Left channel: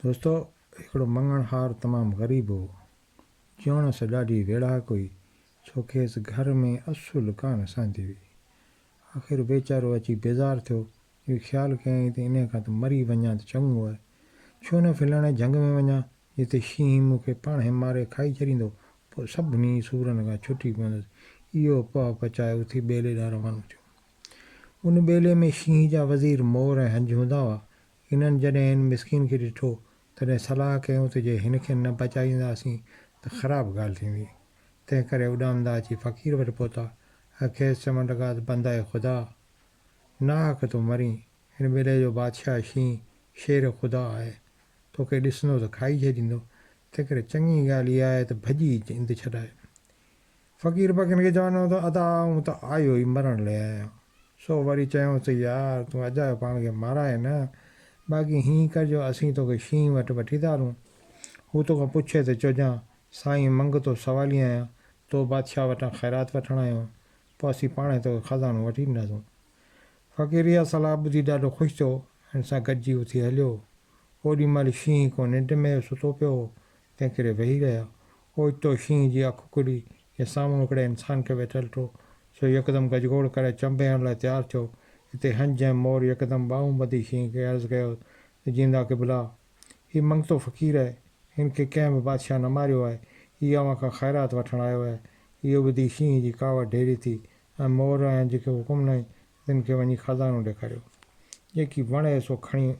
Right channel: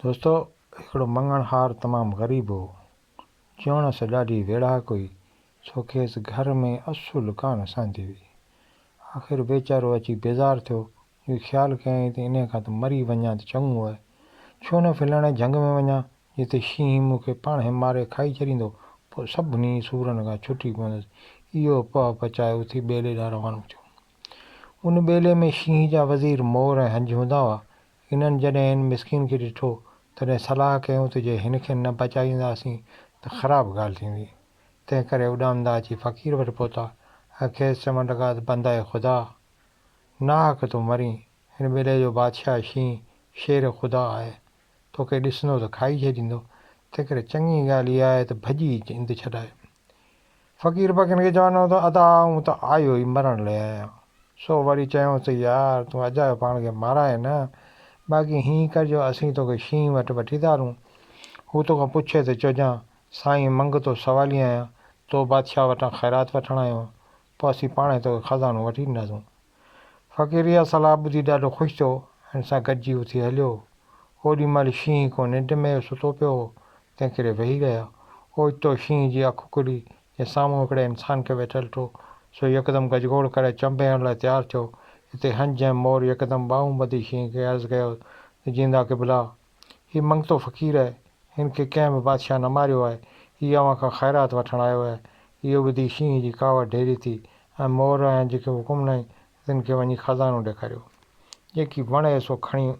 दोस्तों, हिकिड़ो मङणहार तमामु ग़रीब हो। चवण सां ॾाढी वेड़ाक हुई, छो खेसि घर में असुलु कान सांदी हुई। आख़िर वीचारो अची बेज़ारु थियो। इहो ख़्यालु कयईं त इन खां त मरी वञा त चङो आहे। छो न फिलहाणे झंग में वञा, जिते शींहं मूंखे पाणे मारे खाई छॾींदो, पोइ सभिनी सूरनि खां छुटी पवंदसि। इहो पह पचाए उथी ॿेले ॾांहुं रवानो थियो। उन ॿेले में शींहं जा वज़ीर मोर ऐं हंज हूंदा हुआ। इन्हनि जॾहिं हिन मिसकिन खे ॾिठो, तॾहिं सलाह कयूं त जे हिनखे न बचाईंदासीं त ख़राबु ॻाल्हि थींदी। तंहिं करे उॾामंदा अची फ़क़ीर वटि पहुता ऐं खेसि चवणु लॻा त बंदाए ख़ुदा, नाहक तो मरीं। हिन ॿेले जो बादशाह शींहं शेर ख़ुदा आहे, तोखे ॾिसंदो त खाई छॾींदो। तंहिं करे चङी ॻाल्हि इहा आहे त भॼी इंद छॾाए। फ़क़ीर फ़क़ीर खे चवंदो त अदा आऊं त आयो ई मरण लाइ आहियां। सो वरी चयूंसि त यार, तूं अजायो पाण खे माराए न, बाक़ी हीअं करिजो, असीं तोखे शींहं वटि वठी था हलूं। हू तोखां पुछे त चइजां, साईं मंगतो सवाली आहियां, तो बादशाह वटां ख़ैरात वठणु आयो आहियां, पोइ असीं पाण ई तोखे ख़ज़ानो वठी ॾींदासूं। फ़क़ीर इहा सलाह ॿुधी ॾाढो ख़ुशि थियो। हिन सां गॾिजी उथी हलियो। ओॾीमहिल शींहं को निंड में सुतो पियो हो, तंहिं करे वेही रहिया। ओचितो शींहं जी अखि खुली ऐं साम्हूं हिकिड़े इंसान खे वेठल ॾिठो। सो यकदमि गजगोड़ करे चंबे लाइ तयारु थियो। हिते हंज ऐं मोर यकदमि ॿाहूं ॿधी शींहं खे अर्ज़ु कयो त जींदा क़िबला, हीउ मंगतो फ़क़ीर आहे, हिन खे कंहिं बि बादशाह न मारियो आहे। हीउ अव्हां खां ख़ैरात वठणु आयो आहे। इहो ॿुधी शींहं जी कावड़ ढेरी थी ऐं मोर ऐं हंज खे हुकुम ॾिनई तिन खे वञी ख़ज़ानो ॾेखारियो, जेकी वणे सो खणी वञे।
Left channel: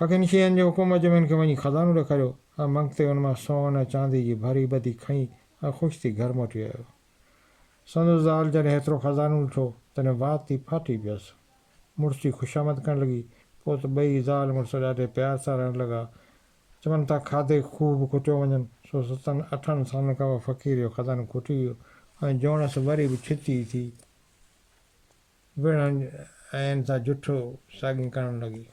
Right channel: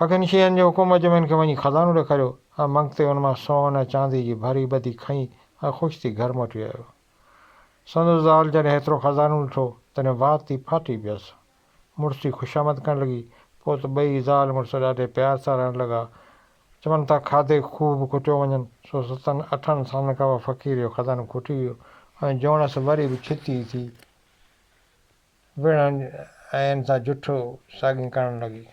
फ़क़ीर शींहंनि जे हुकुम मूजिबि हिन खे वञी ख़ज़ानो ॾेखारियो ऐं मंगते हुन मां सोन ऐं चांदी जी भरी ॿधी खईं ऐं ख़ुशि थी घर मोटी आयो। संदसि ज़ाल जॾहिं हेतिरो ख़ज़ानो ॾिठो, तॾहिं वात थी फाटी पियसि। मुड़ुस जी ख़ुशामद करणु लॻी। पोइ त ॿई ज़ाल मुड़ुस ॾाढे प्यार सां रहणु लॻा। चवनि था खाधे खूब खुटियो वञनि। सो 7-8 सालनि खां पोइ फ़क़ीर जो ख़ज़ानो खुटी वियो ऐं जोणसि वरी बि छिती थी विढ़ण ऐं हिन सां जुठो साॻी करणु लॻी।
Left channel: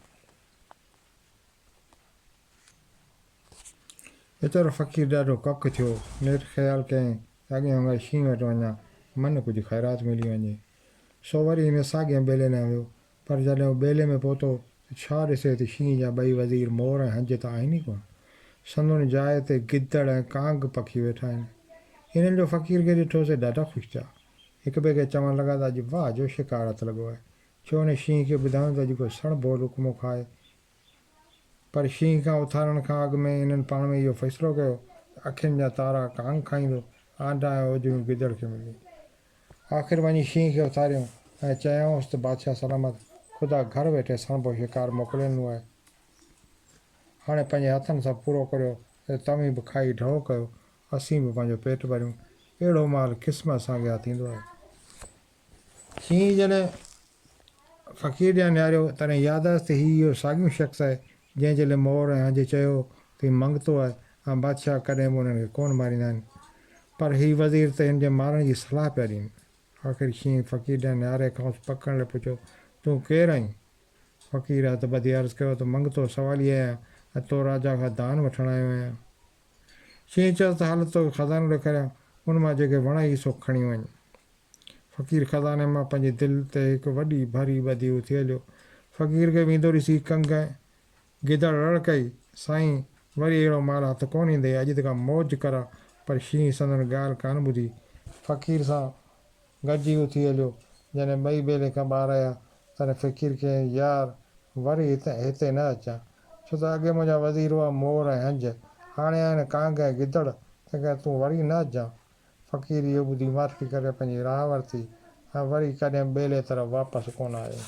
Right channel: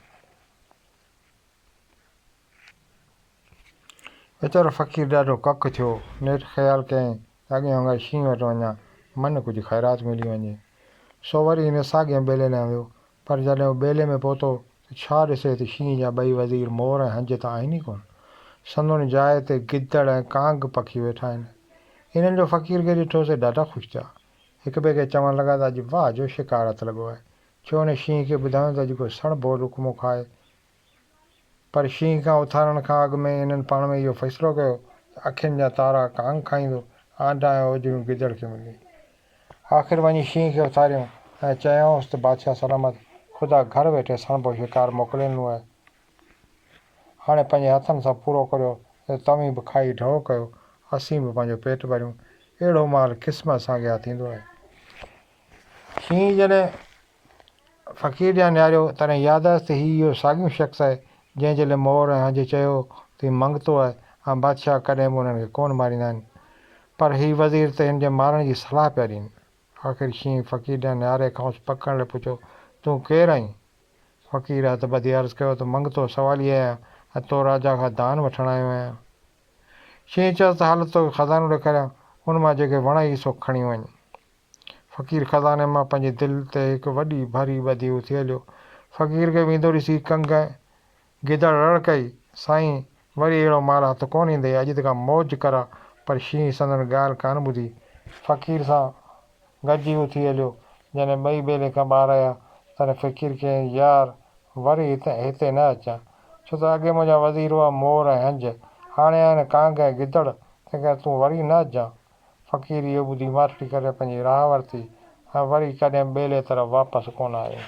वीचारो फ़क़ीर ॾाढो ककि थियो। नेठि ख़्यालु कयईं त अॻियां वांगुरु शींहं वटि वञा, मन कुझु ख़ैरात मिली वञे। सो वरी हिन साॻिए ॿेले ॾांहुं वियो। पर जॾहिं हू ॿेले में पहुतो त छा ॾिसे त शींहं जा ॿई वज़ीर मोर ऐं हंज त आहिनि ई कोन। संदुनि जाइ ते गिदड़ ऐं कांग पखी वेठा आहिनि। इन्हनि जो फ़क़ीर खे ॾिठोसीं ॾाढा ख़ुशि थिया। हिक ॿिए खे चवणु लॻा त अॼु वाह जो शिकार हथु लॻो आहे। छो न शींहं खे ॿुधायूं त अॼु को सणभो लुकमो खाए। पर शींहं खां उथारण खां अॻु में इन्हनि पाण में इहो फ़ैसिलो कयो त अखियुनि जा तारा कांग खाईंदो, आंडा ऐं उजड़ियूं गिदड़ खे मिली। आख़िर वञी शींहं खे उथारियऊं ऐं चयऊंसि त बादशाह सलामत, ख़ुदा घर वेठे सणभो शिकार मोकिले ॾिनो आहे। हाणे पंहिंजे हथनि सां पूरो करियो त तव्हीं बि खाई ढो कयो, असीं बि पंहिंजो पेट भरियूं। अहिड़ो माल क़िस्मत सां अॻियां थींदो आहे। शींहं जॾहिं फ़क़ीर ॾांहुं निहारियो, तॾहिं यादि त हीउ इहो साॻियो शख़्स आहे जंहिं जॾहिं मोर ऐं हंज चयो त हीउ मंगतो आहे ऐं बादशाह कॾहिं बि उन्हनि खे कोन मारींदा आहिनि। पर हीउ वज़ीर त हिन जे मारण जी सलाह पिया ॾियनि। आख़िर शींहं फ़क़ीर ॾांहुं निहारे खांसि पकड़ लाइ पुछो, तूं केरु आहीं? फ़क़ीर हथु ॿधी अर्ज़ु कयो त मंगतो सवाली आहियां ऐं तो राजा खां दान वठणु आयो आहियां। शींहं चयोसि त हल तोखे ख़ज़ानो ॾेखारियां, उन मां जेके वणई सो खणी वञ। फ़क़ीर ख़ज़ाने मां पंहिंजी दिलि ते हिकु वॾी भरी ॿधी उथी हलियो। फ़क़ीर खे वेंदो ॾिसी कंग गिदड़ रड़ कई, साईं वरी अहिड़ो माल हथु कोन ईंदई, अॼु त का मौज करा। पर शींहं संदनि ॻाल्हि कान ॿुधी फ़क़ीर सां गॾिजी उथी हलियो। जॾहिं ॿई ॿेले खां ॿाहिरि आया, तॾहिं फ़क़ीर चयईं, यार वरी हिते न अचां, छो त अॻे मुंहिंजा वज़ीर हुआ मोर ऐं हंज, हाणे आहिनि कांग ऐं गिदड़, तंहिं करे तूं वरी न अचिजांइ। फ़क़ीर इहो ॿुधी माठड़ी करे पंहिंजी राह वरिती ऐं वरी कॾहिं ॿेले तरफ़ वापसि कोन आयो।